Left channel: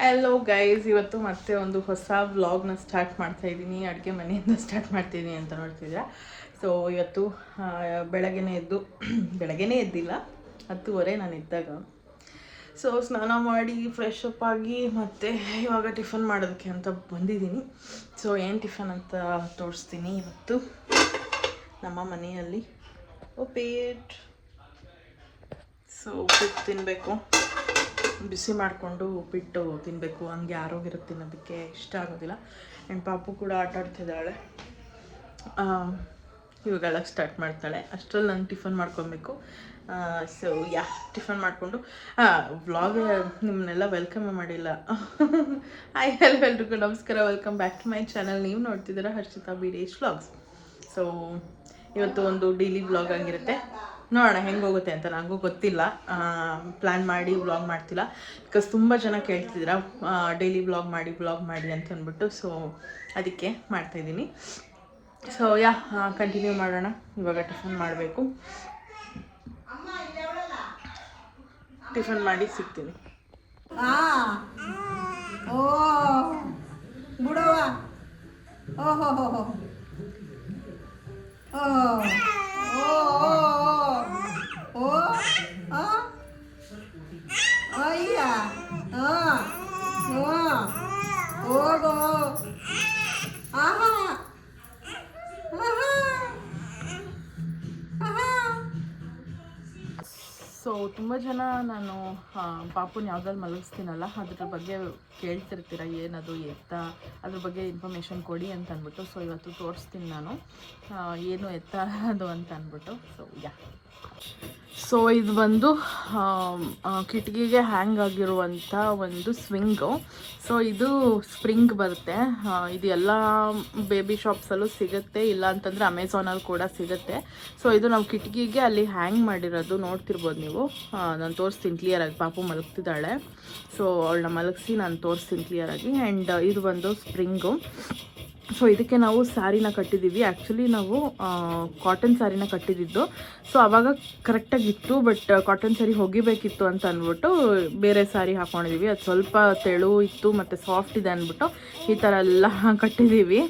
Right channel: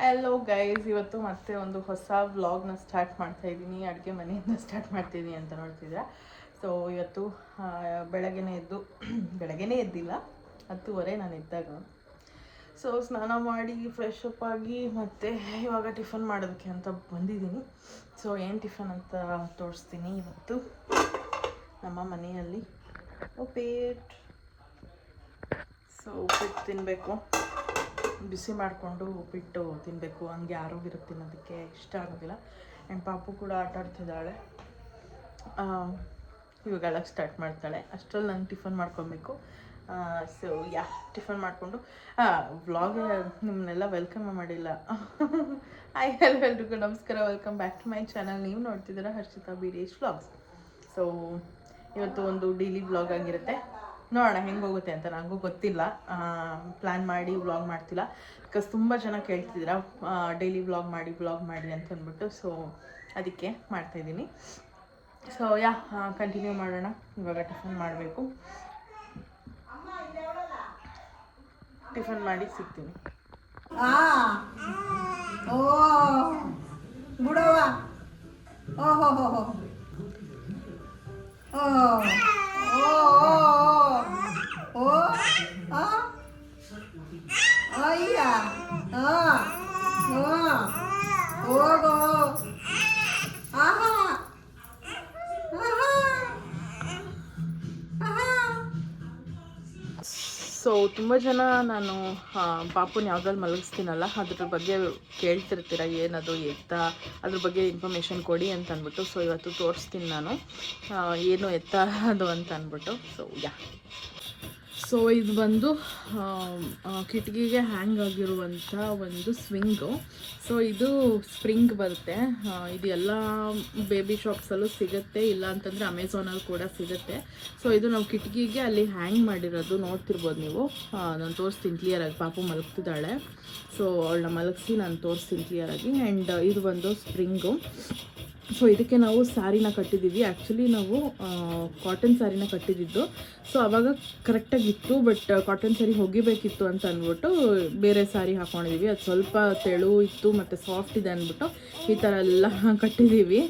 Hello guys, ಇವತ್ತು ಮತ್ತೆ ಒಂದು ಹೊಸ ವ್ಲಾಗ್ನ ಸ್ಟಾರ್ಟ್ ಮಾಡ್ತಾ ಇದ್ದೀನಿ. ಅಡುಗೆ ಮನೆಯಿಂದ ಸ್ಟಾರ್ಟ್ ಮಾಡ್ತೀನಿ ಅಂತ ನೋಡ್ತಿದ್ದೀರಾ. ಸೊ ಇವತ್ತು ಬೆಳಗ್ಗೆನೇ ಎದ್ದಿಲ್ಲ, 10:30 ನಾನು ಇದ್ದಾಗ. ಸೊ ಸ್ನಾನ ಮಾಡಿ ಫ್ರೆಶ್ ಅಪ್ ಆಗಿ ಮತ್ತೆ ಇವಾಗ ಟಿಫನ್ ಮಾಡೋದಕ್ಕೆ ಅಂತ ಬಂದಿದ್ದೀನಿ. ಸೊ ಏನು ಟಿಫನ್ ಅಂತ ತೋರಿಸ್ತೀನಿ. ಇವತ್ತು ನಮ್ಮ ಮನೆಯಲ್ಲಿ ಉಪ್ಪಿಟ್ಟು. ಸೊ ಉಪ್ಪಿಟ್ಟು ತಿನ್ನಬೇಕು, ಬಿಸಿ ಮಾಡಿಕೊಂಡು ಉಪ್ಪಿಟ್ಟು ತಿನ್ನಬೇಕು. ಹಂಗೆ ಆರೋಗ್ಯಕ್ಕೆ ತಿನ್ನೋದಕ್ಕೆ ಇಷ್ಟ ಆಗೋದಿಲ್ಲ. ಆ್ಯಂಡ್ ಪಾಪು ಕೂಡ ಆಟ ಆಡ್ತಿದ್ದಾಳೆ. ಇವಾಗೆಲ್ಲ ಸ್ಟಾರ್ಟ್ ಮಾಡ್ತಾಳೆ. ಅಷ್ಟರಲ್ಲಿ ನಾನು ಟಿಫನ್ ಮಾಡ್ಕೊಬೇಕು. ಸೊ ಟಿಫನ್ ಮಾಡಿಕೊಂಡು ವ್ಲಾಗ್ ನಿಮ್ಮನ್ನೆಲ್ಲ ವೆಲ್ಕಮ್ ಮಾಡಿಲ್ಲ. ಹಾಯ್ ಹಲೋ ಎಲ್ರಿಗೂ ನಮಸ್ಕಾರ, welcome back to my channel. ನೀವು ನೋಡ್ತಿದ್ದೀರಾ ಹರ್ಷಿತಾ ವೀರೇಶ್ ವ್ಲಾಗ್ಸ್. ಸೊ ಇವತ್ತು ಒಂದು ಡೈಲಿ ವ್ಲಾಗ್ ಆಗಿರುತ್ತೆ. ನೋಡೋಣ ಹೆಂಗೆ ಹೋಗುತ್ತೆ ಅಂತ. ನನಗೂ ಗೊತ್ತಿಲ್ಲ, ಪ್ಲ್ಯಾನ್ ಮಾಡಿ ವ್ಲಾಗ್ ಮಾಡ್ತಿಲ್ಲ. ಬಿಕಾಸ್ ತುಂಬ ಜನ ಕೇಳ್ತಿದ್ದೀರಾ ಡೈಲಿ ವ್ಲಾಗ್ ಮಾಡಿ ಅಂತ ಅಂದ್ಬಿಟ್ಟು. ಸೊ ಅದಕ್ಕೆ ಮಾಡ್ತಾಯಿದ್ದೀನಿ. ಸೊ ಕಂಟಿನ್ಯೂ ಮಾಡೋಣ. ಇವಾಗ ಟಿಫನ್ ಮಾಡಬೇಕು. ಟಿಫನ್ ಮಾಡಿ ಸಿಗ್ತೀನಿ. ಸೊ ತುಂಬ ಜನ ನಾನು ಪಾಪುನ ಯಾವುದ್ರಲ್ಲಿ ಮಲಗಿಸ್ತೀನಲ್ಲ ಅದ್ರ ಬಗ್ಗೆ ಕೇಳ್ತಿರ್ತೀರ, ಏನದು ಎತ್ತ, ಅದ್ರ ಬಗ್ಗೆ ಇನ್ಫಾರ್ಮೇಷನ್ ಕೊಡಿ ಅಂತ ಅಂದ್ಬಿಟ್ಟು. ಸೊ ಇವತ್ತು ತೋರಿಸ್ತೀನಿ ನಾನು ಏನು ಎತ್ತ ಅದು ಅಂತ ಅಂದ್ಬಿಟ್ಟು. ಸೊ ಇದು ಬಂದು ಕಿಟಕಿಗೆ ಹ್ಯಾಂಗ್ ಆಗಿರುವಂಥ ಒಂದು ಸ್ವಿಂಗು. ಸೊ ಇದು ಸ್ಪ್ರಿಂಗ್ ಬರುತ್ತೆ. ಇದು ಎಲ್ಲ ಬೇಬಿ ಶಾಪ್ಸಲ್ಲೂ ಸಿಗುತ್ತೆ, ಇಲ್ಲ ಅಂತಂದರೆ ಅಮೆಝಾನಲ್ಲಿ ಕೂಡ ಸಿಗುತ್ತೆ. ಸೊ ಇದು ನಾವು ಕಿಟಕಿಗೆ ಅಲ್ಲಿ ಹ್ಯಾಂಗ್ ಮಾಡಿರೋದು ನೋಡ್ತಿರ್ಬೋದು ನೀವು. ನಾನು ತೋರಿಸ್ತೀನಿ ಕ್ಲಿಯರಾಗಿ. ಪಾಪು ಮಲಗ್ತಿದ್ದಾಳೆ. ಸೊ ಅವಳನ್ನ ಮಲಗಿಸಿ ನಾನು ತೋರಿಸ್ತೀನಿ ಕ್ಲಿಯರಾಗಿ. ಆ್ಯಂಡ್ ಇದು ಬಂದು ಸ್ಪ್ರಿಂಗು. ಸೊ ಇದಕ್ಕೆ ನಾವು ಸ್ಯಾರಿನ ಕಟ್ಟಿದ್ದೀವಿ. ಆ್ಯಕ್ಚುಲಿ ನಾವು ಕಾಟನ್ ಸ್ಯಾರಿನ ಕಟ್ಟಿದ್ದು. ಸೊ ಆವಾಗ ಕರೆಕ್ಟಾಗಿತ್ತು, ಬಟ್ ಕಾಟನ್ ಸ್ಯಾರಿ ಒಗಿಬೇಕಿತ್ತು ಅಂತ ಅಂದ್ಬಿಟ್ಟು ಬೇರೆ ಸ್ಯಾರಿ ಹಾಕ್ಕೊಂಡಿದ್ದೀವಿ. ಅದು ಸ್ವಲ್ಪ ತೆಳು ಇತ್ತು ಮತ್ತು ಸಾಫ್ಟ್ ಇದೆ ಅಂದ್ಬಿಟ್ಟು ಈ ಥರ ಎಲ್ಲ ಕಟ್ಟಿದ್ದೀವಿ,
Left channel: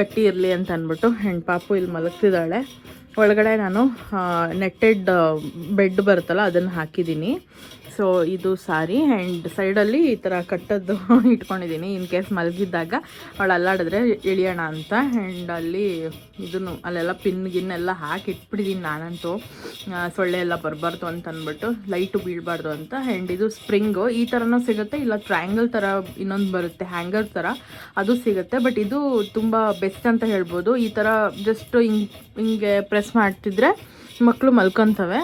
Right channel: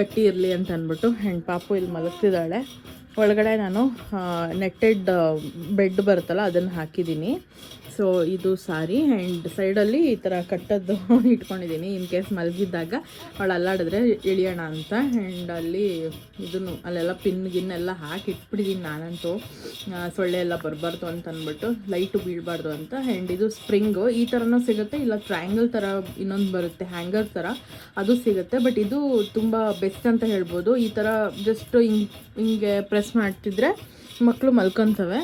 ಗಟ್ಟಿ ಇರಲಿ ಅಂತ ಅಂದ್ಬಿಟ್ಟು. ಆ್ಯಂಡ್ ಪಾಪು ಇಲ್ಲಿ ಮಲಗ್ತಿದ್ದಾಳೆ. ಒಳಗಡೆ ನಾನು ನೆಟ್ಟೆಡ್ ಬೆಡ್ ಬರುತ್ತಲ್ಲ ಅದನ್ನು ಹಾಕಿದ್ದೀನಿ. ಸೊ ಇದು ಸಾರಿ. ಆ್ಯಂಡ್ ಸೈಡಲ್ಲಿ ಈ ಥರ ಕಟ್ಟದ್ದು ಇಟ್ಕೊಂಡಿದ್ದೀನಿ, ಇನ್ ಕೇಸ್ ಮಲಗಿದ್ದಾಗ ಅವಳು ಅಲ್ಲಾಡಿದ್ರೆ ಇಳಿಯೋಣ ಅಂತ. ಆ್ಯಂಡ್ ಅಲ್ಲೆಲ್ಲ ಗಿನ್ನೆಲ್ಲ ಹಾಕಿ ಇಟ್ಬಿಟ್ಟಿದ್ದೀನಿ ನಾನಂತೂ, ಸೊಳ್ಳೆ ಎಲ್ಲ ಬರಬಾರ್ದು ಅಂತ ಅಂದ್ಬಿಟ್ಟು, ಲೈಟು ಬೀಳಬಾರ್ದು ಅಂತ. ಆ್ಯಂಡ್ ಇದು ಸ್ಪ್ರಿಂಗು ಈ ಥರನೂ ಸಿಗುತ್ತೆ, ಇಲ್ಲ ಟ್ರಯಾಂಗಲ್ ಥರ ಇನ್ನೊಂದು ಬರುತ್ತೆ ಹ್ಯಾಂಗರ್ ಥರ, ಅದು ಸಿಗುತ್ತೆ. ಬಟ್ ಇದು ತುಂಬ ಬೆಸ್ಟ್ ಅಂತ ಹೇಳ್ಬೋದು. ಈ ಥರ ಜಸ್ಟ್ ಹಿಂಗೆ ಪ್ರೆಸ್ ಮಾಡ್ತಿದ್ರೆ ಮಕ್ಕಳು ಮಲ್ಕೊತವೆ.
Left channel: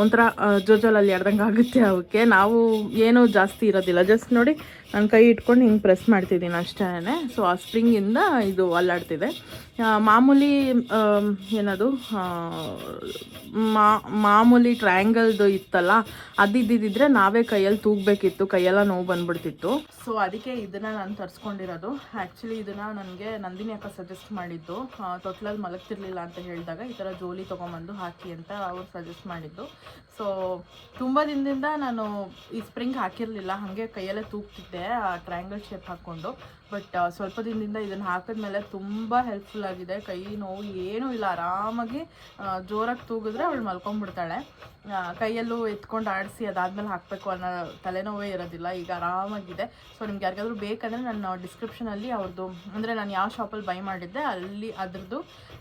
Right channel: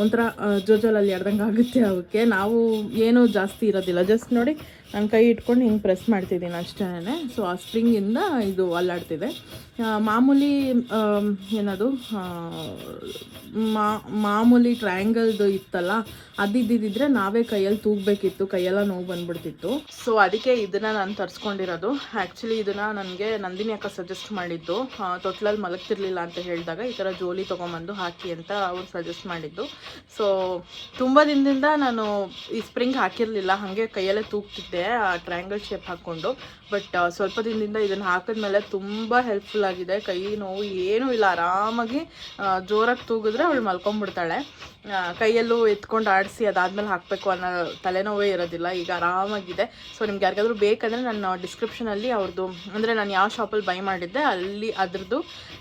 ಒಂಥರ ಜೋಜೋಲಲ್ಲಿ ಎಡ್ದಂಗೆ ಆಗುತ್ತೆ ಅವಕ್ಕೆ. ನಾವು ಏನೂ ಜಾಸ್ತಿ ಇರೋದಿಲ್ಲ, ಜಸ್ಟ್ ನೋಡಿ ನಾನು ಕೈ ಇಟ್ಕೊಂಡು ಹಿಂಗೆ ಪ್ರೆಸ್ ಮಾಡ್ತಿದ್ದೀನಿ ಅಷ್ಟೇ. ಸೊ ಆ ಸ್ಪ್ರಿಂಗಿಂದ ಇದು ಅಲ್ಲಾಡ್ತಿದೆ. ಮಾಮೂಲಿ ಏನದು ಮಾಮೂಲಿ ಟ್ರಯಾಂಗಲ್ದು ಇತ್ತಲ್ಲ, ಅದಿದ್ದಿದ್ರೆ ನಾವೇ ಕೈಯಲ್ಲಿ ತೂಗಬೇಕಿತ್ತು, ಕೈಯೆಲ್ಲ ನೋವು ಬಂದುಬಿಡ್ತಿತ್ತು. ಸೊ ಅದಕ್ಕೆ ಇದನ್ನು ನಾನು ತರಿಸ್ಕೊಂಡಿರೋದು. ಆ್ಯಕ್ಚುಲಿ ಇದನ್ನು ನನಗೆ ನಂದಿನಿ ಅಕ್ಕ ಸಜೆಸ್ಟ್ ಮಾಡಿದ್ದು. ತೊಟ್ಲಲ್ಲಿ ಮಲಗ್ತಿರ್ಲಿಲ್ಲ ಅಂತ ಹೇಳಿದಾಗ ಈ ಥರ ಜೋಲಿ ತೊಗೊಂಬಂದು ಹಾಕಿ ಅಂತ ಅವ್ರು ಸಜೆಸ್ಟ್ ಮಾಡಿದ್ದು. ಸೊ ತುಂಬ ದಿನದಿಂದ ನಾನು ಈ ಸ್ಪ್ರಿಂಗ್ ಹಾಕಿರಲಿಲ್ಲ, ಹಾಗೆ ಕೈಯಲ್ಲೇ ತೂಗ್ತಿದ್ದೆ ಟ್ರಯಾಂಗಲ್ ಶೇಪ್ ಹಾಕ್ಕೊಂಡು. ಬಟ್ ಸ್ವಲ್ಪ ದಿನದಿಂದ ಇದನ್ನು ಹಾಕಿದ್ಮೇಲೆ ತುಂಬ ಹೆಲ್ಪ್ಫುಲ್ ಆಗಿದೆ. ಕೈ ನೋವು ಏನೂ ಇಲ್ಲ, ಆರಾಮಾಗಿ ಜೋರಾಗಿ ತೂಗಿದ್ರೆ ಅವಳು ಮಲ್ಕೊಂಡ್ಬಿಡ್ತಾಳೆ. ಕೈಯಲ್ಲೂ ಎತ್ಕೊಂಡು ಆಡಿಸಿ ಅದಾದಮೇಲೆ ಹಾಕಬೇಕು ಅನ್ನೋ ತಲೆನೋವೇ ಇರೋದಿಲ್ಲ. ಈಗ ಆರಾಮಾಗಿದೆ. ಸೊ ನಿಮ್ಗೆ ಯಾರಿಗಾದ್ರೂ ಬೇಕಂದರೆ ನಾನು ಡಿಸ್ಕ್ರಿಪ್ಷನಲ್ಲಿ ಅವ್ರದ್ದು, ಅಂದರೆ ನಾನು ಯಾವ ಶಾಪಲ್ಲಿ ಬೈ ಮಾಡಿದ್ದೆ ಅಲ್ಲಿ ಅದ್ರದ್ದು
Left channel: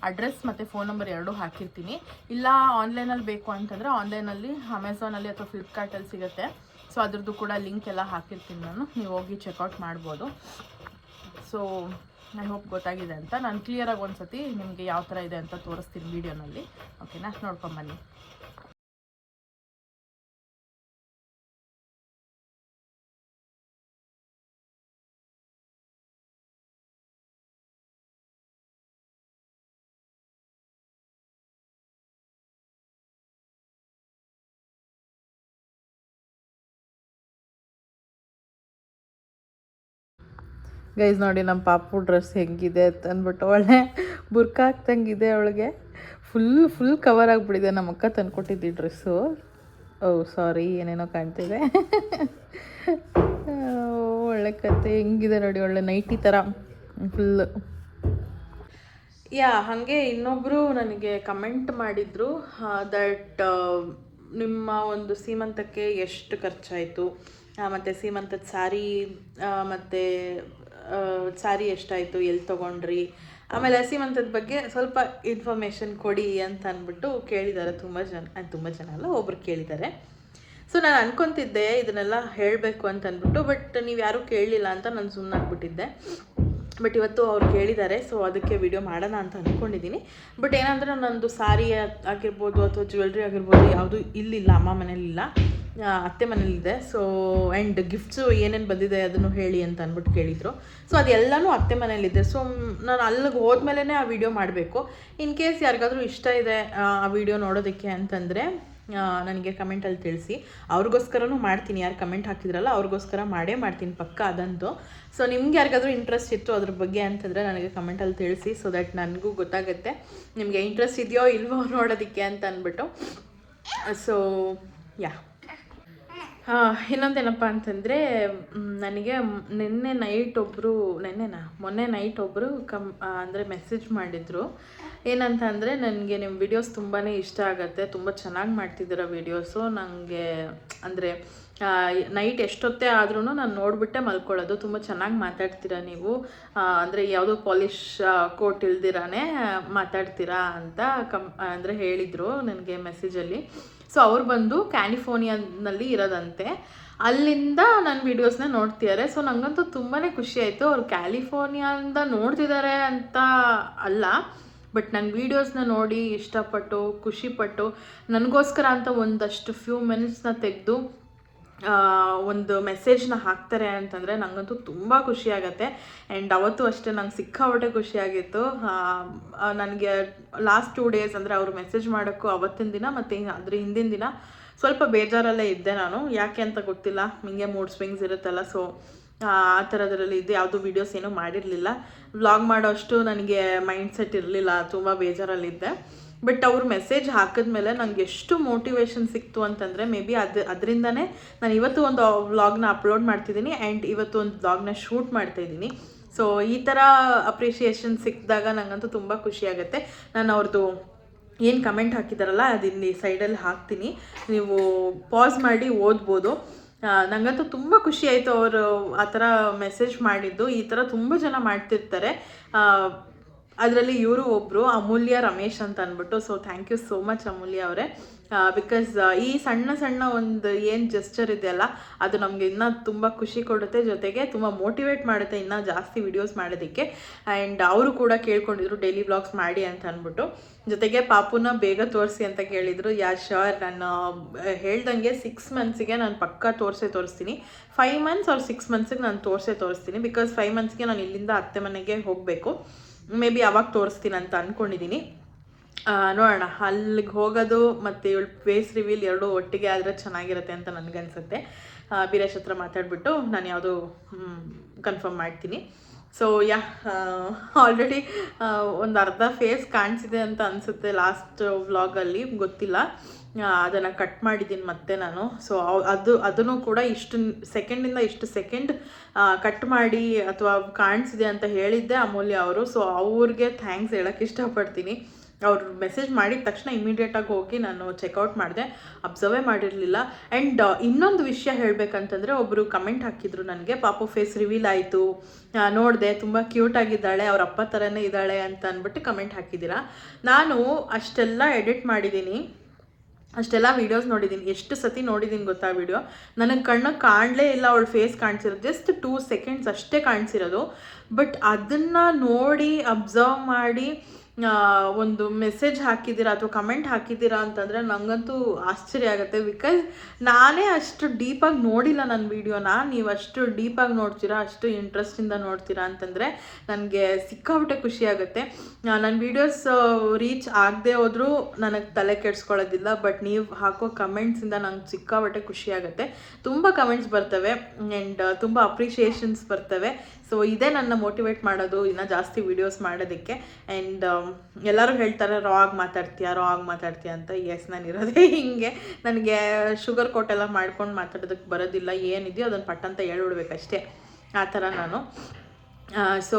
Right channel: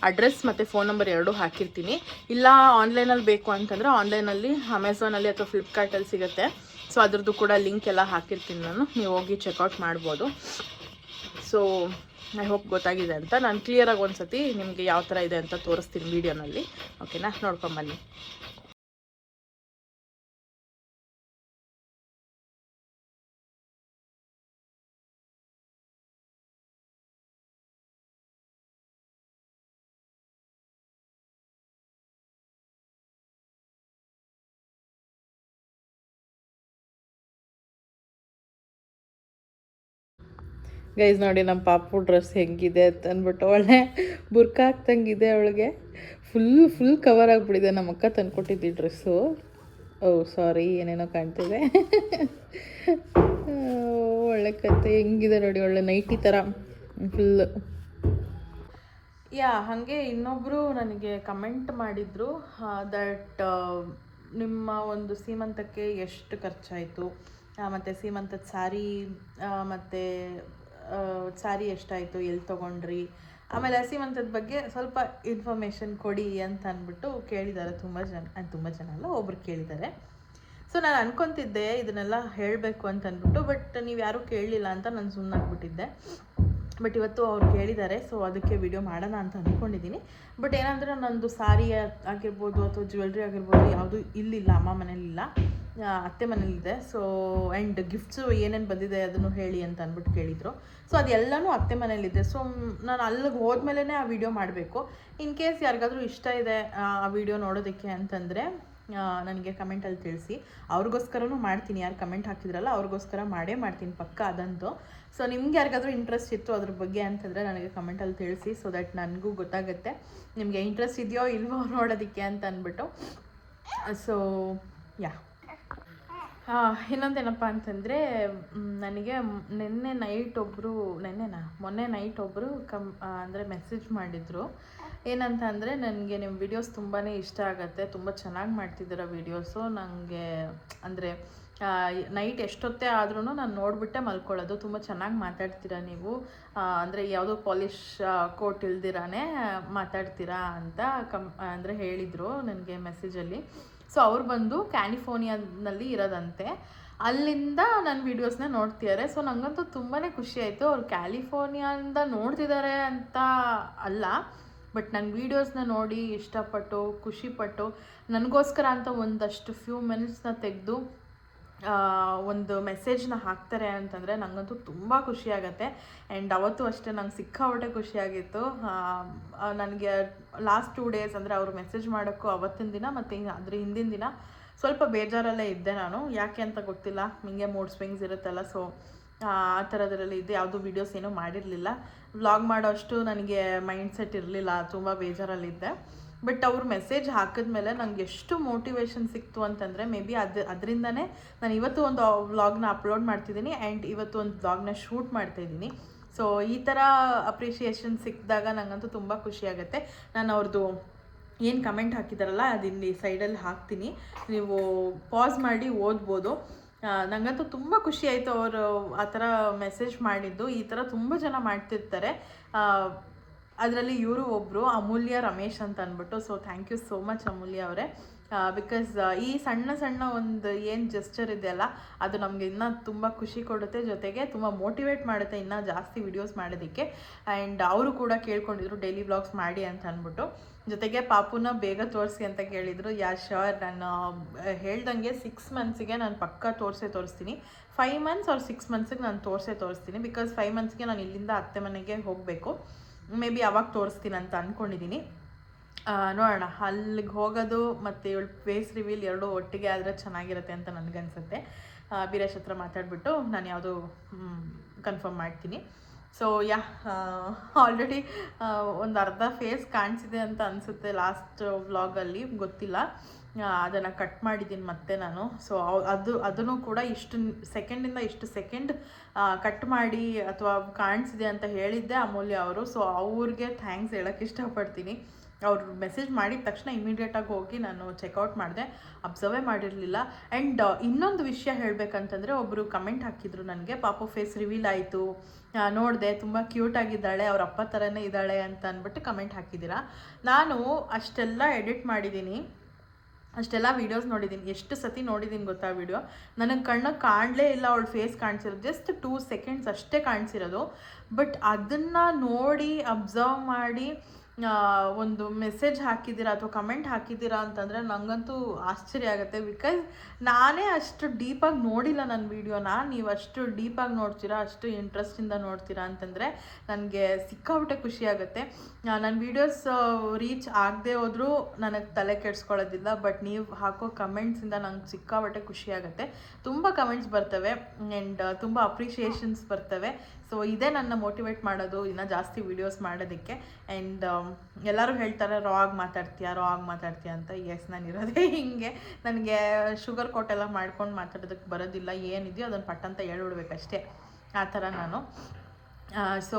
ಅಡ್ರೆಸ್ ಮತ್ತು ಫೋನ್ ನಂಬರ್ ಎರಡೂ ಹಾಕಿರ್ತೀನಿ. ಇಲ್ಲ ಆನ್ಲೈನಲ್ಲಿ ಬೇಕು ಅಂತಂದರೆ ಆನ್ಲೈನಲ್ಲಿ ಅಮೆಝಾನಲ್ಲಿ ಅಥವಾ ಫ್ಲಿಪ್ಕಾರ್ಟಲ್ಲಿ ಸಿಗುತ್ತೆ. ಸೊ ಅದ್ರದ್ದು ಕೂಡ ಲಿಂಕ್ ಎಲ್ಲ ಹಾಕಿರ್ತೀನಿ ನಾನು, ನೀವು ಹೋಗಿ ಚೆಕ್ಔಟ್ ಮಾಡ್ಬೋದು. ಸೊ ಐ ಹೋಪ್ ಗೊತ್ತಾಗಿದೆ ಅಂತ. ನಾನು ಕ್ಲಿಯರಾಗಿ ಒಂದು ಸತಿ ನಿಮಗೆ ಯಾವ ಥರ ಇದೆ ಅಂತ ತೋರಿಸ್ತೀನಿ ವೀಡಿಯೋನಲ್ಲಿ. ಓಕೆನಾ, ನೋಡ್ಕೊಂಬನ್ನಿ. ಗೈಸ್ ನೋಡಿ ನಮ್ಮ ಪಾಪು ಡ್ರೆಸ್ ಹೆಂಗಿದೆ ಅಂತ ಅಂದ್ಬಿಟ್ಟು, ಒಳ್ಳೆ ಬುರ್ಕಾ ಹಾಕ್ದಂಗಿದೆ ಅವಳಿಗೆ. ಫುಲ್ ಕವರ್ ಆಗಿಬಿಟ್ಟಿದೆ. ನಮ್ಮ ಅಕ್ಕ ತಂದ್ಕೊಟ್ಟಿದ್ದಿ ಡ್ರೆಸ್ಸು. ಓ ಸಾರಿ, ಏನೇನೋ ಕಾಣ್ತಿದೆ. ಸಖತ್ತೆ ಹೆಂಗಿದೆ ನೋಡಿ, ಒಳ್ಳೆ ನೈಟಿ ಥರ ಫುಲ್ಲು. ಹಾಗೆ ಇನ್ನೊಬ್ಬರು ನನಗೆ ಕಮೆಂಟ್ ಮಾಡಿದರು ದಟ್ ನಿಮ್ಮ ಒಂದು ಸೀಮಂತಕ್ಕೆ ಎಷ್ಟು ಖರ್ಚಾಯಿತು, ಮತ್ತು ಸೀಮಂತದ ಸ್ಯಾರಿ ಮತ್ತು ಸ್ಯಾರಿ ಎಷ್ಟಾಯಿತು, ಎಲ್ಲಿ ತೊಗೊಂಡ್ರಿ, ಆಮೇಲೆ ಸೀಮಂತದ ಬಗ್ಗೆ ಸ್ವಲ್ಪ ಇನ್ಫಾರ್ಮೇಷನ್ ಕೊಡಿ ಅಂತ ಅಂದ್ಬಿಟ್ಟು ಕೇಳಿದ್ದಾರೆ. ತುಂಬ ಜನ ಅಲ್ಲ, ಒಬ್ರು ಕೇಳಿದ್ದಾರೆ. ಸೊ ನಾನು ಅನ್ಕೊತಿದ್ದೆ ಇದನ್ನೆಲ್ಲ ಹೇಳಬೇಕು ಅಂತ ಅಂದ್ಬಿಟ್ಟು, ಬಟ್ ನೀವು ಯಾರೂ ಕೇಳಲಿಲ್ಲ ಅಂತ ನಾನು ಸುಮ್ಮನಾಗ್ಬಿಟ್ಟಿದ್ದೆ. ಬಟ್ ಇವತ್ತು ಅವ್ರು ಕೇಳಿದ್ದಾರೆ, ಸೊ ಅದಕ್ಕೆ ವಿಡಿಯೋ ಮಾಡೋಣ ಅಂತ ಅಂದ್ಕೊಂಡಿದ್ದೀನಿ. ಬಟ್ ಏನಂದರೆ ನಂದು ಸ್ಯಾರಿ ಆಗಿರ್ಬೋದು ಅಥವಾ ಜ್ಯುವೆಲ್ರಿ ಆಗಿರ್ಬೋದು ಯಾವುದು ಇಲ್ಲಿಲ್ಲ, ಅಮ್ಮ ಮನೇಲಿಲ್ಲ, ಅತ್ತೆ ಮನೇಲಿದೆ. ಸೊ ಆ್ಯಂಡ್ ಗಿಫ್ಟ್ಸು ಏನೇನು ಬಂದಿದೆ ಅದನ್ನು ಹೇಳಿ ಅಂತ ಅಂದ್ಬಿಟ್ಟು ಕೇಳಿದರು. ಸೊ ಅದೆಲ್ಲನೂ ಅತ್ತೆ ಮನೇಲಿದೆ. ಸೊ ನಾನು ಅಲ್ಲಿಗೆ ಹೋದ್ಮೇಲೆ ಆ ವಿಡಿಯೋ ಮಾಡಬೇಕು. ಇನ್ ಕೇಸ್ ಯಾರಿಗಾದ್ರೂ ಇಷ್ಟ ಇದೆ ಆ ವಿಡಿಯೋ ನೋಡೋದಕ್ಕೆ ಅಂತಂದರೆ ನನಗೆ ಕಮೆಂಟಲ್ಲಿ ತಿಳಿಸಿ. ಅವ್ರಿಗೋಸ್ಕರನೂ ಮಾಡ್ತೀನಿ, ಯಾರು ಕಮೆಂಟ್ ಹಾಕಿದ್ರಲ್ಲ ಅವ್ರಿಗೋಸ್ಕರ ಮಾಡ್ತೀನಿ ಪಕ್ಕ ಅದಂತೂ. ಸೊ ನಿಮ್ಗೆ ಯಾರಿಗಾದ್ರೂ ಇಂಟ್ರೆಸ್ಟ್ ಇತ್ತು ಅದ್ರ ಬಗ್ಗೆ ಅಂತಂದರೆ ನನಗೆ ಕಮೆಂಟಲ್ಲಿ ತಿಳಿಸಿ, ಸೊ ದ್ಯಾಟ್ ನನಗೂ ಗೊತ್ತಾಗುತ್ತೆ ನಿಮಗೆ ಇಂಟ್ರೆಸ್ಟ್ ಇದೆಯೋ ಇಲ್ವೋ ನೋಡೋದಕ್ಕೆ ಅಂತ ಅಂದ್ಬಿಟ್ಟು. ಸೊ ಇನ್ನೊಂದೇನಪ್ಪ ಅಂತಂದರೆ, ನನಗೆ ಮೊನ್ನೆ ನೈಟ್ ಒಬ್ಬರು ಅಂದರೆ ಮೆಸೇಜ್ ಮಾಡಿದರು. ಏನಂತ ಅಂದರೆ, ನನಗೆ ನಿಮ್ಮ ವಿಡಿಯೋಸ್ ತುಂಬಾ ಇಷ್ಟ ಆಗುತ್ತೆ, ತುಂಬ ಚೆನ್ನಾಗಿ ಮಾಡ್ತಿದ್ದೀರ ವೀಡಿಯೋಸು. ನನಗೆ ಅಂದರೆ ನೈಟ್ ಎಷ್ಟೊತ್ತೇ ಆದ್ರೂ ನಾನು ನೋಡಿಬಿಟ್ಟೆ ಮಲ್ಕೊಳ್ಳೋದು, ತುಂಬ ಚೆನ್ನಾಗಿ ಮಾತಾಡ್ತೀರಾ ನೀವು, ಅಂದರೆ ಯಾವುದೋ ಪಾಲಿಶ್ ಕೋಟ್ ಇಲ್ದಿರಾನೇ ಮಾತಾಡ್ತೀರಾ ಅಂತ ಅಂದರೆ ಹೇಳಿದರು ನನಗೆ ಮೆಸೇಜಲ್ಲಿ. ಸೊ ಅವ್ರು ಬಂದು ಕ್ಯಾಲಿಫೋರ್ನಿಯಾನಲ್ಲಿ ಇರೋದಂತೆ, ಅಲ್ಲಿಂದ ನನ್ನ ವೀಡಿಯೋಸ್ನ ನೋಡ್ತಿದ್ದಾರೆ. ಸೊ ನನಗಂತೂ ತುಂಬಾ ಖುಷಿ ಆಯಿತು. ಅವ್ರು ಕ್ಯಾಲಿಫೋರ್ನಿಯಾದಿಂದ ನೋಡ್ತಿದ್ದಾರೆ ಅಂತ ಅಲ್ಲ, ಬಟ್ ನನ್ನ ವೀಡಿಯೋಸ್ನ ನೋಡಿ ಇಷ್ಟಪಟ್ಟು ಖುಷಿಪಟ್ಟು ನನಗೋಸ್ಕರ ಅಂತ ಒಂದಷ್ಟು ಫ್ಯೂ ಮಿನಿಟ್ಸ್ನ ತೆಗೆದು ಒಂದು ಮೆಸೇಜ್ನ ಹಾಕ್ತಾರೆ ಅಂತಂದರೆ ನನಗಂತೂ ತುಂಬ ಖುಷಿಯಾಗತ್ತೆ. ಆ್ಯಂಡ್ ಅವತ್ತು ಅಷ್ಟೇ ನಂಗೆ ಸಿಕ್ಕಾಪಟ್ಟೆ ಖುಷಿಯಾಗಿತ್ತು. ನನಗೆ ಲಾಸ್ಟ್ 2 ಡೇಸ್ ಅಂದರೆ ಅವರು ಮೆಸೇಜ್ ಮಾಡೋಕ್ಕೂ ಅವತ್ತಿನ ದಿನ ಮತ್ತು ಅದ್ರ ಹಿಂದಿನ ದಿನ ಸ್ವಲ್ಪ ಬೇಜಾರಲ್ಲೇ ಇದ್ದೆ ನಾನು, ಯಾಕೆ ಅಂತ ಗೊತ್ತಿಲ್ಲ, ಹಿಂಗೆ ಮೂಡ್ ಸ್ವಿಂಗ್ಸ್ ಇರುತ್ತಲ್ಲ. ಸೊ ಆ ಥರದ್ರಲ್ಲಿ ಇದ್ದೆ, ಯಾವುದೂ ವೀಡಿಯೋಸ್ ಏನೂ ಮಾಡಿರಲಿಲ್ಲ, ವ್ಲಾಗ್ ಮಾಡೋ ಅಷ್ಟು ನನಗೆ ಮೈಂಡ್ಸೆಟ್ ಇರಲಿಲ್ಲ, ತುಂಬ ಬೇಜಾರಲ್ಲಿದ್ದೆ. ಬಟ್ ಅವರು ಮೆಸೇಜ್ ಹಾಕಿದ್ಮೇಲೆ ನನಗೆ ಎಷ್ಟು ಮೋಟಿವೇಶನ್ ಸಿಕ್ತು ಅಂತಂದರೆ, ಮೇ ಬಿ ಅದರಿಂದನೇ ನಾನು ಇವತ್ತು ಒಂದು ವ್ಲಾಗ್ನ ಅಪ್ಲೋಡ್ ಮಾಡ್ತಿದ್ದೀನಿ ಆ್ಯಂಡ್ ಇವತ್ತು ಒಂದು ವ್ಲಾಗ್ನ ಶೂಟ್ ಮಾಡ್ತಾಯಿದ್ದೀನಿ. ಸೊ ಈ ಥರ ಅಪ್ರಿಷಿಯೇಷನ್ ಸಿಕ್ಕಿದಾಗ ನನಗಂತೂ ತುಂಬ ಖುಷಿಯಾಗುತ್ತೆ. ನಾನು ಅವ್ರದ್ದು ಏನು ಕಮೆಂಟ್ ಹಾಕಿದಾರಲ್ಲ ಅದಿಲ್ಲಿ ಸೈಡಲ್ಲಿ ಹಾಕ್ತೀನಿ, ನೀವು ಪಾಸ್ ಮಾಡಿ ಓದ್ಬೋದು. ನನಗಂತೂ ತುಂಬ ಖುಷಿ ಆಯಿತು ಅವರು ಆ ಥರ ಮೆಸೇಜ್ ಮಾಡಿದ್ದು. ಈ ಥರ ತುಂಬ ಜನ ಮಾಡ್ತಿರ್ತಾರೆ, ಅದರಲ್ಲಿ ಇವರು ಒಬ್ಬರು ಅಮೂಲ್ಯ ರಮೇಶ್ ಅಂತ ಅಂದ್ಬಿಟ್ಟು. So thank you so much Amulya ಅವರೇ, ಬಿಕಾಸ್ ಈ ಸಣ್ಣ ಒಂದು ಏನು ಜೆಸ್ಚರ್ ಇದೆಯಲ್ಲ ಅದು ನಮಗೆ ಇನ್ನೂ ತುಂಬ ಖುಷಿ ಕೊಡುತ್ತೆ, ಜೊತೆಗೆ ತುಂಬ ಮೋಟಿವೇಟ್ ಮಾಡುತ್ತೆ ಇನ್ನೂ ಜಾಸ್ತಿ ವಿಡಿಯೋಸ್ ಮಾಡೋದಕ್ಕೆ. ಆ್ಯಂಡ್ ಅವರು ಕೂಡ ಕೇಳ್ಕೊಂಡಿದ್ರು ಡೈಲಿ ವ್ಲಾಗ್ಸ್ ಮಾಡಿ ಅಂತ ಅಂದ್ಬಿಟ್ಟು, ಜೊತೆಗೆ ಪಾಪುನ ಬೇಗ ತೋರಿಸಿ ಅಂತ ಕೇಳಿದರು. ಶೋರ್, ನಾನು ಹೇಳ್ದಂಗೆ 6 ಮಂತ್ಸಿಗೆ ನಾನು ಪಕ್ಕ ತೋರಿಸ್ತೀನಿ. 5 ಮಂತ್ಸ್ ಅವ್ರು 6 ಮಂತ್ಸಿಗೆ ನಾನು ತೋರಿಸ್ತೀನಿ, ಬಿಕಾಸ್ 5 ಮಂತ್ಸ್ಗೆ ನಾನು ಇಲ್ಲಿಂದ ಅತ್ತೆ ಮನೆಗೆ ಹೋಗಬೇಕು. ಮೇ ಬಿ ಅವಾಗ ತೋರಿಸ್ತೀನಿ ಅಂತ ಅಂದ್ಕೊಂಡಿದ್ದೀನಿ. ನೋಡೋಣ, ಅಲ್ಲಿಗೆ ಹೋಗೋದು ಮತ್ತು ಇವಳು ಫೇಸ್ ರಿವೀಲ್ ಎರಡೂ ಒಟ್ಟಿಗೆ ಆದರೆ ಚೆನ್ನಾಗಿರುತ್ತೆ ಅಂತ ನನಗನ್ಸುತ್ತೆ. ಬೀರೇಶ್ ಹತ್ರ ಮಾತಾಡಿಬಿಟ್ಟು ನಾನು ಯಾವುದು ಕನ್ಫರ್ಮ್ ಮಾಡ್ತೀನಿ. ಸೊ ಆಲ್ರೆಡಿ ಒಂದು ಅರ್ಧ ಫೇಸ್ ಕಾಣಿಸಿದೆ ಅಂತ ಅನಿಸುತ್ತೆ ಲಾಸ್ಟ್ ವ್ಲಾಗಲ್ಲಿ, ಗೊತ್ತಿಲ್ಲ, ಅದನ್ನು ಕಟ್ ಮಾಡಿದ್ದೀನಿ ಮತ್ತೆ ನಾನು. ಸೊ ಅದನ್ನು ಕೂಡ ಇಷ್ಟು ಸೆಕೆಂಡ್ ಕಟ್ ಮಾಡಿ ಅಥವಾ ಕಾಣಿಸಿದೆ ಅಂತ ಹೇಳಿದ್ದೆ ಅಮೂಲ್ಯ ಅವರು. ಸೊ ಅವ್ರಿಗೆ ಥ್ಯಾಂಕ್ಸ್ ಹೇಳೋಕ್ಕೆ ಇಷ್ಟಪಡ್ತೀನಿ. ಅವ್ರು ಮೆಸೇಜ್ ಮಾಡಿದ ತಕ್ಷಣ ಇಮಿಡಿಯೇಟಾಗಿ ಹೋಗಿ ನಾನು ಚೆಕ್ಔಟ್ ಮಾಡಿದೆ, ಅಬ್ಸರ್ವೇ ಮಾಡಿರಲಿಲ್ಲ. ಆ್ಯಂಡ್ ಇನ್ನೊಂದು ವಿಷಯ ಹೇಳಬೇಕಂತಂದರೆ, ಒಬ್ಬರು ಕಮೆಂಟ್ ಹಾಕಿದ್ರು ನನಗೆ, ಪಾಪು ಫೇಸ್ ರಿವೀಲ್ ಆಯಿತು ನೋಡಿದೆ, ತುಂಬ ಕ್ಯೂಟಾಗಿದ್ದಾಳೆ, ಅವ್ರ ಅಪ್ಪ ಥರನೇ ಇದ್ದಾಳೆ ಅಂತ ಅಂದ್ಬಿಟ್ಟು ಕಮೆಂಟ್ ಹಾಕಿದ್ದೀರಾ. ನಾನು ಅಷ್ಟೆಲ್ಲ ಎಡಿಟ್ ಮಾಡಿದ್ದೀನಿ, ಅಷ್ಟೆಲ್ಲ ವೀಡಿಯೋಸ್ ನೋಡಿದ್ದೀನಿ, ಎಷ್ಟು ಸತಿ ನೋಡಿದ್ದೀನಿ ಗೊತ್ತಾ ವಿಡಿಯೋ. ನನಗೆ ಕಣ್ಣು ಕಾಣಲೇ ಇಲ್ಲ ಅವಳ ಫೇಸ್ ಕಾಣಿಸಿರೋದು, ಜಸ್ಟ್ 2 ಸೆಕೆಂಡ್ಸ್ ಅಷ್ಟೇ ಕಾಣಿಸಿರೋದು. ಬಟ್ ಅದನ್ನು ನೋಡಿ ಅಬ್ಸರ್ವ್ ಮಾಡಿ ಒಂದು ಮೆಸೇಜ್ ಹಾಕಿದ್ದೀರಾ ಅಥವಾ ಕಮೆಂಟ್ ಹಾಕಿದ್ದೀರಾ ಅಂತಂದರೆ ನನಗಂತೂ ಆಶ್ಚರ್ಯ ಆಗುತ್ತೆ. ಬಿಕಾಸ್ ನಾನೇ ಅಷ್ಟು ಡೀಪಾಗಿ ನೋಡಿಲ್ಲ ನನ್ನ ವೀಡಿಯೋನ, ನೀವು ಅಷ್ಟು ಡೀಪಾಗಿ ನೋಡ್ತೀರಾ, ಅಷ್ಟು ಇಂಟ್ರೆಸ್ಟಿಂದ ನೋಡ್ತೀರಾ ಅಂತಂದರೆ ನನಗೆ ಸಿಕ್ಕಾಬಿಟ್ಟೆ ಖುಷಿಯಾಗುತ್ತೆ. ನನ್ನ ವೀಡಿಯೋಸ್ ರೀಚ್ ಆಗದೆ ಹೋದರೂ ನನಗೆ ತಲೆ ಕೆಡಿಸ್ಕೊಳ್ಳೋದಿಲ್ಲ, ಬಟ್ ನೀವು ಹಾಕೋ ಕಮೆಂಟ್ಸಿಂದ ನಂಗೆ ಸಿಕ್ಕಾಬಿಟ್ಟೆ ಖುಷಿಯಾಗುತ್ತೆ. ತುಂಬ ಕಮೆಂಟ್ಸ್ ಬರ್ತವೆ ಆ್ಯಂಡ್ ತುಂಬ ಅಪ್ರಿಷಿಯೇಷನ್ಸ್ ಬರ್ತವೆ. ಸೊ ಇದೇ ನನ್ನ ಮೋಟಿವೇಟ್ ಮಾಡೋದು ಇನ್ನೂ ಜಾಸ್ತಿ ವೀಡಿಯೋಸ್ ಮಾಡೋದಕ್ಕೆ. ಆ್ಯಂಡ್ ಎಲ್ಲರೂ ಹೇಳ್ತಾರೆ ರಾ ಆಗಿ ಮಾತಾಡ್ತೀಯ ಅಂತ. ಎಸ್, ನಾನು ಇರೋದೇ ಹಿಂಗೆ, ನನಗೆ ಶುಗರ್ ಕೋಟೆಲ್ಲ ಮಾಡ್ಕೊಂಡು ಮಾತಾಡೋದಕ್ಕೆ ಬರೋದಿಲ್ಲ, ಏನಿದೆಯೋ ಅದನ್ನು ಪಟ್ ಅಂತ ಹೇಳ್ಬಿಡ್ಬೇಕಷ್ಟೇ. ಆ ಥರ ನಾನು. ಸೊ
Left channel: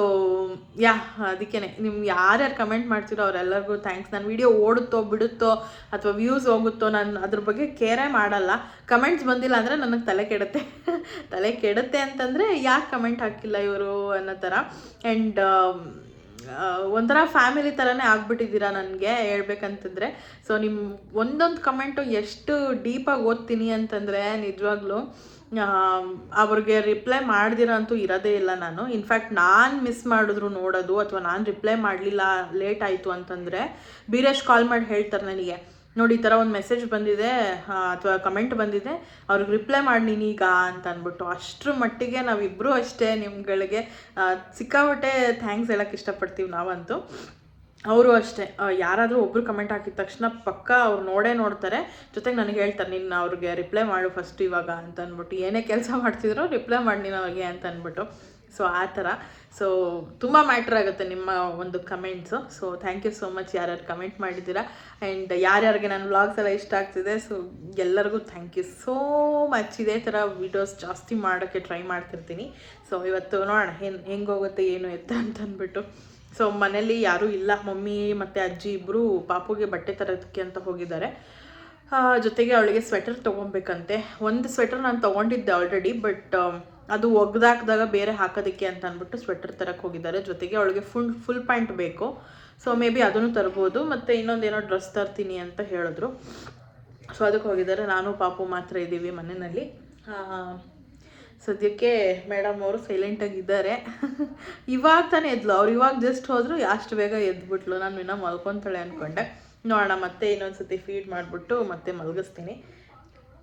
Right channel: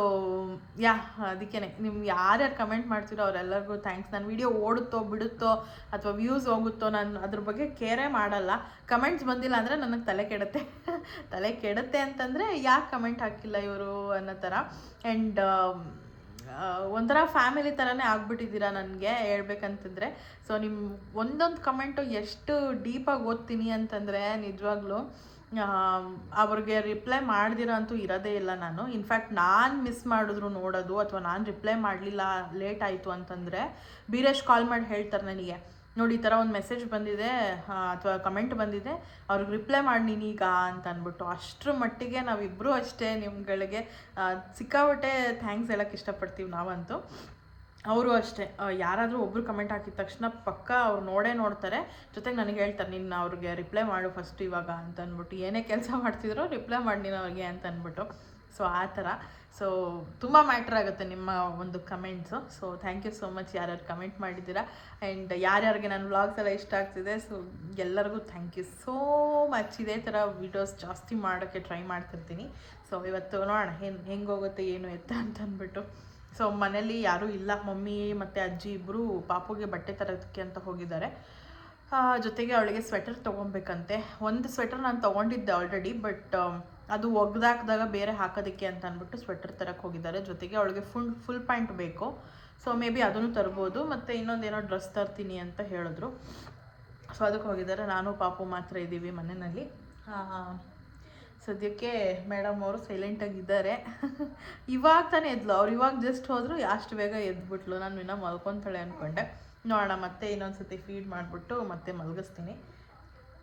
ಯಾ ಅದಕ್ಕೇ ನಿಮ್ಗೆ ಯಾರ್ಯಾರು ಕಮೆಂಟ್ ಮಾಡ್ತೀರೋ ಅವರೆಲ್ಲರಿಗೂ ಥ್ಯಾಂಕ್ಸ್. ನನ್ನ ವೀಡಿಯೋ ಓಡುತ್ತೋ ಬಿಡುತ್ತೋ ಅಥವಾ ವ್ಯೂಸ್ ಹೋಗುತ್ತೋ ನಾನು ಅದ್ರ ಬಗ್ಗೆ ಕೇರೇ ಮಾಡಲ್ಲ. ಕಮೆಂಟ್ಸ್ ಬಂದಿಲ್ಲ ಅಂದರೆ ನನಗೆ ತಲೆ ಕೆಡುತ್ತೆ. ತಲೆ ಕೆಡುತ್ತೆ ಅಂತಂದರೆ ಯಾಕೆ ಕಮೆಂಟ್ ಹಾಕಿಲ್ಲ ಇವರು ಅನ್ನೋ ಥರ. ಆ್ಯಂಡ್ ಒಂಥರ ಫ್ಯಾಮಿಲಿ ಥರನೇ ಆಗ್ಬಿಟ್ಟಿದ್ದೀರಾ ನನಗೆ ಹೇಳ್ಬೇಕಂತಂದರೆ. ಸೊ ನಿಮ್ಮ ಒಂದೊಂದು ಕಮೆಂಟು ಎಷ್ಟು ಡೀಪಾಗಿ ಓದ್ತೀನಿ ಅಂತಂದರೆ ನಿಜವಾಗ್ಲೂ ಅವ್ರಿಗೆ ರಿಪ್ಲೈ ಮಾಡ್ದಿರೋ ಅಂತೂ ಇರೋದೇ ಇಲ್ಲ ನಾನು. ಇನ್ಫ್ಯಾಕ್ಟ್ ನಾನು ಮಿಸ್ ಮಾಡಿದ್ರು ನೋಡೋದು ಅಥವಾ ನಾನು ರಿಪ್ಲೈ ಮಾಡಲಿಲ್ಲ ಲೇಟ್ ಆಯಿತು ಅಂತಂದರೆ ಬೀರೇಶ್ ಕಾಲ್ ಮಾಡಿ ಹೇಳ್ತಾರೆ ನನಗೆ, ನೋಡಿ ಈ ಥರ ಒಂದು ಮೆಸೇಜ್ ಬಂದಿದೆ ಅಥವಾ ಕಮೆಂಟ್ ಬಂದಿದೆ, ಅವ್ರಿಗೆ ರಿಪ್ಲೈ ಮಾಡಿ ನೀನೀಗ ಅಂತ ಅಂದ್ಬಿಟ್ಟು. ಅಷ್ಟರ ಮಟ್ಟಿಗೆ ನಾವಿಬ್ಬರೂ ಅಷ್ಟೇ ನಿಮ್ಗಳಿಗೆ ಸಿಕ್ಕಾಪಟ್ಟೆ ಥ್ಯಾಂಕ್ಸ್ ಹೇಳೋಕ್ಕೆ ಇಷ್ಟಪಡ್ತೀವಿ ನಾವಂತೂ. ಅವರು ಅಷ್ಟೇ, ಯಾರಾದರೂ ಒಬ್ಬರು ಕಮೆಂಟ್ ಹಾಕಿದ ತಕ್ಷಣ ಪಕ್ಕ ಅವ್ರು ನೋಡ್ತಾರೆ. ಜೊತೆಗೆ ನನಗೆ ಹೇಳ್ತಾರೆ, ನೀನು ಅವ್ರಿಗೆ ರಿಪ್ಲೈ ಮಾಡು ಫಸ್ಟ್ ಇವಾಗ ಅಂತ ಅಂದ್ಬಿಟ್ಟು. ಏನೇ ಕೆಲಸ ಮಾಡ್ತಿದ್ರು ರಿಪ್ಲೈ ಮಾಡಿ ನೀನು ಅವ್ರಿಗೆ ಅಂತ ಅಂದ್ಬಿಟ್ಟು. ಸೊ ಆ ಥರ. ಸೊ ತುಂಬ ಮ್ಯಾಟ್ರ್ ಆಗುತ್ತೆ ನಿಮ್ಮ ಒಂದು comments. So thank you so much ಯಾರ್ಯಾರು ಕಮೆಂಟ್ ಮಾಡಿದ್ದೀರಾ. ಆ್ಯಂಡ್ ಯಾರ್ಯಾರಿಗೆ ನನ್ನ ವ್ಲಾಗ್ಸ್ ಎಲ್ಲ ಇಷ್ಟ ಆಗ್ತಿದೆ, ಸೊ ಎಲ್ಲರಿಗೂ ಥ್ಯಾಂಕ್ ಯು ಸೋ ಮಚ್. ಇದೇ ಥರ ವೀಡಿಯೋಸ್ ಜಾಸ್ತಿ ಮಾಡೋಕ್ಕೆ ಟ್ರೈ ಮಾಡ್ತಿರ್ತೀನಿ. ಸೊ ಇವತ್ತು ನೋಡೋಣ ಹೆಂಗೆ ಹೋಗುತ್ತೆ ಏನು ಎತ್ತ ಅಂತ ಅಂದ್ಬಿಟ್ಟು. ಸೊ ಮನೇಲಿ ಯಾರೂ ಇಲ್ಲ, ಮಮ್ಮಿ ಮತ್ತು ಅಜ್ಜಿ ಇಬ್ಬರು ಪಾಪುಗೆ ಬಟ್ಟೆ ತರೋದಕ್ಕೆ ಅಂತ ಹೋಗಿದ್ದಾರೆ. ಜೊತೆಗೆ ಅವಳಿಗೆ ಸ್ವೆಟರ್ ತೊಗೊಬೇಕಂತೆ. ಒಂದು ಸ್ವೆಟರ್ ನಾನು ತೊಗೊಂಡಿದ್ದೆ ಆಲ್ರೆಡಿ, ಬಟ್ ಅದು ಒಗ್ದಾಕಿದಾಗ ಬೇರೆ ಹಾಕೋದಕ್ಕೆ ಅಂತ ಅಂದ್ಬಿಟ್ಟು ಸ್ವೆಟರ್ ತರಕ್ಕೆ ಹೋಗಿದ್ದಾರೆ. ಜೊತೆಗೆ ಅವಳಿಗೆ ಫುಲ್ ಪ್ಯಾಂಟ್ ಬೇಕು. ಸೊ ಮೇ ಬಿ ಅದನ್ನು ತರ್ಬೋದು. ಮತ್ತು ಇನ್ನೊಂದೇನೋ ಡ್ರೆಸ್ ತರ್ತೀನಿ ಅಂತ ಹೇಳಿದ್ರು. ಸೊ ಅದಕ್ಕೆ ಹೋಗಿದ್ದಾರೆ. ನಾನು ಪಾಪು ಮಾತ್ರ ಇದ್ದೀವಿ ಮನೆಯಲ್ಲಿ. ಸದ್ಯಕ್ಕೆ ಮೇಡಮ್ ಅವರು ಸೈಲೆಂಟಾಗಿದ್ದಾರೆ. ಇವಾಗ ತಾನೇ ಎದ್ಲು ಅವ್ರು, ಇವಾಗ ಜಸ್ಟ್ ಹೋದರು, ಅಷ್ಟು ಬೇಗ ಎದ್ಬಿಟ್ಲು. ನಾನು ಇನ್ನೂ ಮಲ್ಕೊತಾಳೆ ಅಂದ್ಕೊಂಡೆ. ನೋಡೋಣ ಮತ್ತೆ ಇನ್ನೊಂದು ಸತಿ ಫೀಡ್ ಮಾಡಿಬಿಟ್ಟು ಮತ್ತೆ ಮಲಗಿಸ್ತೀನಿ.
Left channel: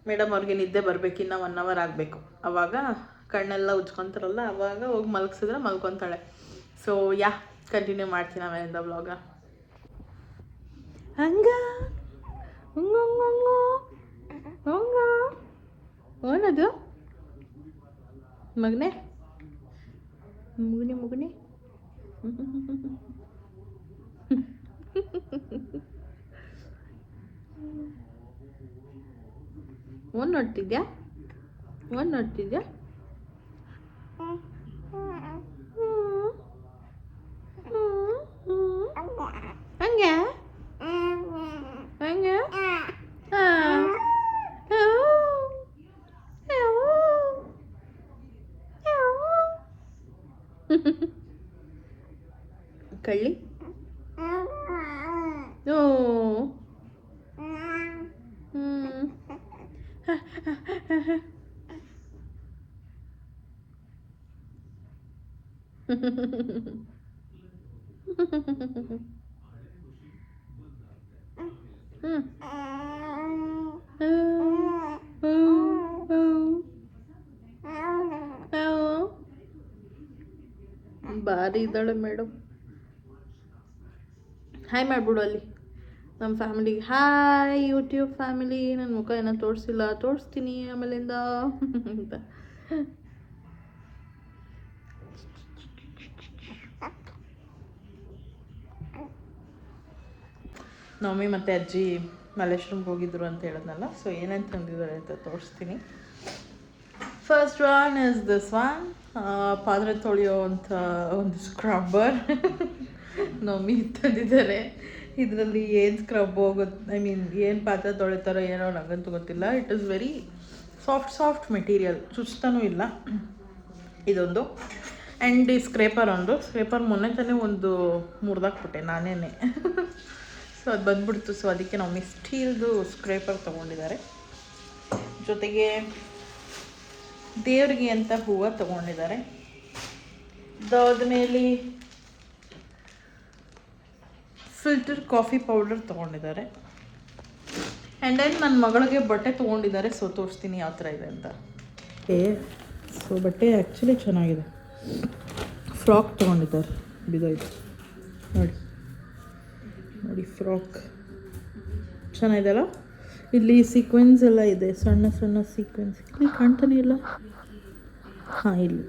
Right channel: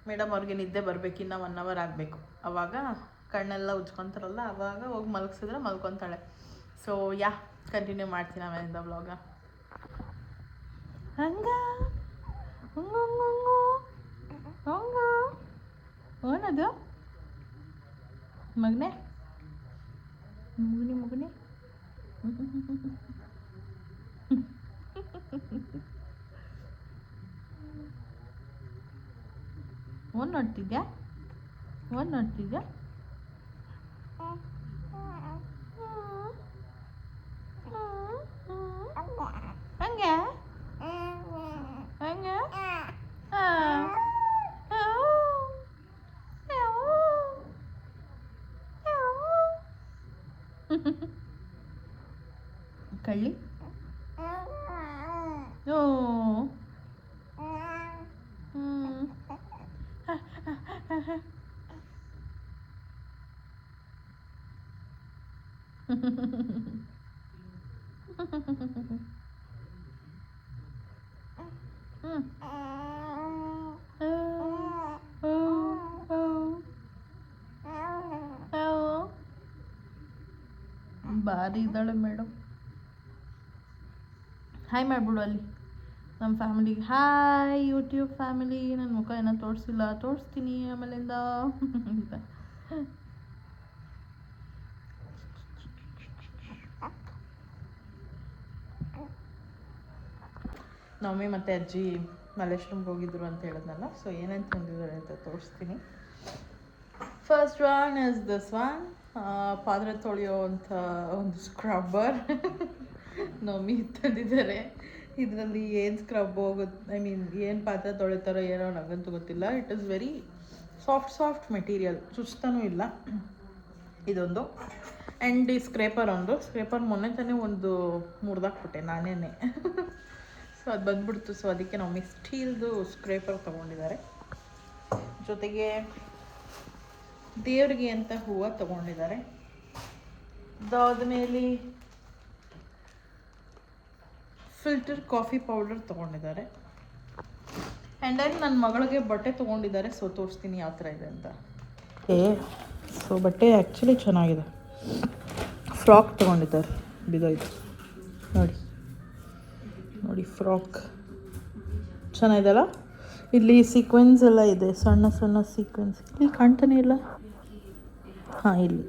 ಮೇಡಮ್ ಅವ್ರಿಗೆ ನಿದ್ದೆ ಬರಬೇಕು, ಇನ್ನೂ 1 hour ಆಗಬೇಕು. ಆವಾಗ ಕಣ್ಣೆಲ್ಲ ಉಜ್ಕೊತಾರಲ್ಲ, ಆವಾಗ ಹೋಗಿ ಮಲಗಿಸಿದ್ರೆ ಮಲ್ಕೊತಾಳೆ. ಸೊ ಯಾ ಕಂಟಿನ್ಯೂ ಮಾಡ್ತೀನಿ ಆಮೇಲಿಂದ ವ್ಲಾಗ. ಹಂಗ ಏನದು ಮಗನೆ ಮುಗುನಿ ಒಂದು ನೋಡ್ತಿದ್ಯಾ ಹಂಗೆ ಹಂಗೆ ಕಳ್ಳಿ ಓ ಭಾರಿ ಇದ್ದಾಳೆ ಮೇಡಮ್. ಹಾಯ್ ಮಾಡಿಬಿಡು ಅಲ್ಲಿ ನಮ್ಮ ಫ್ಯಾಮಿಲಿಗೆ. Hi YouTube family. ನನ್ನ ಮುಖ ಏನೋ ತೋರಿಸಿಲ್ಲ, ತೋರಿಸ್ತೀನಿ ಆಮೇಲಿಂದ ಅಂತ. ಮಮ್ಮಿ ಮತ್ತು ಅಜ್ಜಿ ಮಲ್ಲೇಶ್ವರಂಗೆ ಹೋಗಿದ್ರು ಅಂತ ಹೇಳಿದ್ನಲ್ಲ. ಸೊ ಏನೇನು ತಂದಿದ್ದಾರೆ ಅಂತ ತೋರಿಸ್ತೀನಿ. First one is this one, ಪಾತ್ರೆ ತೊಳೆಯೋ ಅಂತ ಒಂದು ಸ್ಕ್ರಬ್ಬರ್. ಮಮ್ಮಿ ತಂದಿದ್ದಾರೆ. ಇದರಲ್ಲಿ ಏನು ಸ್ಕ್ರಬ್ ಹೋಗುತ್ತೆ, ಐ ಮೀನ್ ಏನು ಪಾತ್ರೆ ತೊಳಿತಾರೋ ಏನೋ ನನಗಂತೂ ಗೊತ್ತಿಲ್ಲ. It is very soft material, ಚುಚ್ತಾನೂ ಇಲ್ಲ ಇದೊಂದು. ಆ್ಯಂಡ್ ಈ ಸ್ಕ್ರೇಪರ್ ಮೊನ್ನೆ ತಾನೇ ಒಂದು ಮುರಿದಾಕ್ಬಿಟ್ಟೆ ನಾನೇ. ಸೊ ಅದು ಬಂದ್ಬಿಡ್ತು. ಸೊ ಅದಕ್ಕೆ ನಾವು ಸ್ಟೀಲ್ದು ಸ್ಕ್ರೇಪರ್ ತೊಗೊಂಡಿದ್ದಾರೆ. ಜೊತೆಗೆ ದೇವರಿಗೆ ಅಂತ ಹೂವು ತೊಗೊಂಡಿದ್ದಾರೆ. ಅದಾದ್ಮೇಲೆ ಫಿಲ್ಟರ್ ಕಾಫಿ ಪೌಡರ್ ತೊಗೊಂಡಿದ್ದಾರೆ. ಆ್ಯಂಡ್ ದೆನ್ ನನ್ನ ಮಗಳಿಗೆ ಬಟ್ಟೆ ತೊಗೊಂಡಿದ್ದಾರೆ. ಸೊ ತೋರಿಸ್ತೀನಿ ಯಾವ ಥರ ಇದೆ ಅಂತ. ಸೊ ಬಟ್ಟೆ ಆ್ಯಕ್ಚುಲಿ ಚೆನ್ನಾಗಿದೆ. ಫ್ರಾಕ್ ತೊಗೊಂಡಿದ್ದಾರೆ, ಬಿದೋಯ್ತು ನೋಡಿ ಫ್ರಾಕ್ ಚೆನ್ನಾಗಿದೆಲ್ಲ. ಇಲ್ಲಿ ಸೀಕ್ವೆನ್ಸ್ ಎಲ್ಲ ಇದೆ, ಸಣ್ಣ ಸಣ್ಣ ಸೀಕ್ವೆನ್ಸ್. ಇಲ್ಲಿ ಕಾಣ್ತಾನೆ ಇಲ್ಲ. ಹಾಂ ಇಲ್ಲಿ.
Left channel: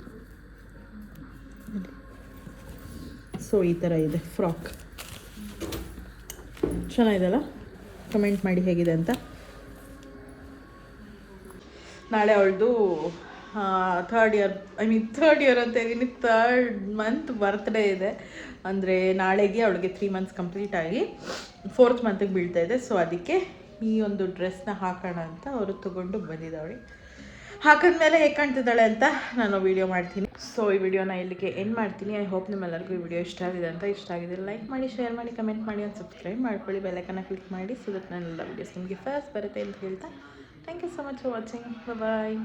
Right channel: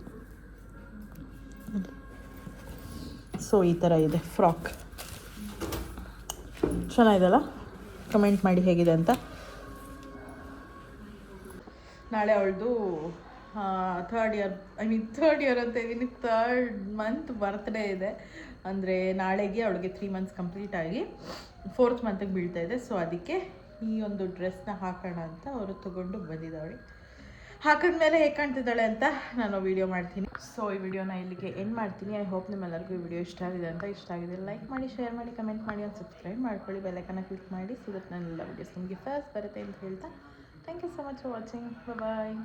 ಸೊ ಈ ಥರ ಇದೆ ಫ್ರಾಕ್. ಚೆನ್ನಾಗಿದೆಲ್ಲ. ಕಮೆಂಟ್ ಮಾಡಿ ಹೇಗಿದೆ ಅಂತ. ನಾಳೆ ಅವಳದು ಥರ್ಡ್ ಇಯರ್ ಥರ್ಡ್ ಇಯರ್ ಅಂತ ಇದ್ದೀನಿ, 3rd ಮಂತ್ ಬರ್ತ್ಡೇ ಇದೆ. ಅಂದರೆ ನಾಳೆಗೆ ಅವಳಿಗೆ 3 ಮಂತ್ಸ್ ಕಂಪ್ಲೀಟ್ ಆಗಿ 4th ಮಂತಿಗೆ ಬೀಳ್ತಾ ಇದೆ. ಸೊ ಅದಕ್ಕೆ ಈ ಒಂದು ಡ್ರೆಸ್ನ ಹಾಕೋಣ ಅಂತ ಅವರು ತೊಗೊಂಡು ಬಂದಿದ್ದಾಳೆ. ಹಾಕಿದ್ಮೇಲೆ ಹೇಗೆ ಕಾಣ್ತಿದ್ದಾಳೆ ಅಂತ ನಾನು ವಿಡಿಯೋ ಮಾಡ್ತೀನಿ. ಸೊ ಈ ವಿಡಿಯೋನ ಇಲ್ಲಿಗೆ ಎಂಡ್ ಮಾಡ್ತೀನಿ. ಐ ಹೋಪ್ ನಿಮ್ಮೆಲ್ಲರಿಗೂ ಈ ವಿಡಿಯೋ ಇಷ್ಟ ಆಗಿದೆ ಅಂತ. ಇಷ್ಟ ಆಗಿದೆ ಲೈಕ್ ಮಾಡಿ, ಶೇರ್ ಮಾಡಿ, ಕಮೆಂಟ್ ಮಾಡಿ, ಒಂದು ಸಬ್ಸ್ಕ್ರೈಬ್ ಮಾಡ್ಕೊಳ್ಳಿ, ಬೆಲ್ಲೈಕನ್ನ ಕ್ಲಿಕ್ ಮಾಡಿ, ಸೊ ದಟ್ ನನ್ನೆಲ್ಲ ವಿಡಿಯೋಸ್ ನಿಮಗೆ ಫಸ್ಟ್ ಬರುತ್ತೆ ಅಂತ ಹೇಳ್ತಾ thank you so much for watching. Bye.